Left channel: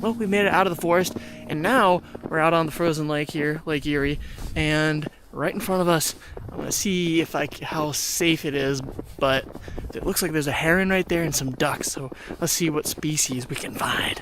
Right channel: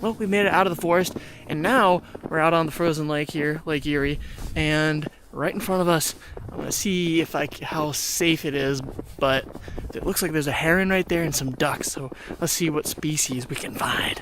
well, we made it out of the forest, and now we're out on the frozen lake here, Lake Erie, and right in front of us, I'm gonna see if how safe it is, but it looks like there's a heron right there and some ducks, so let's see what species we can find.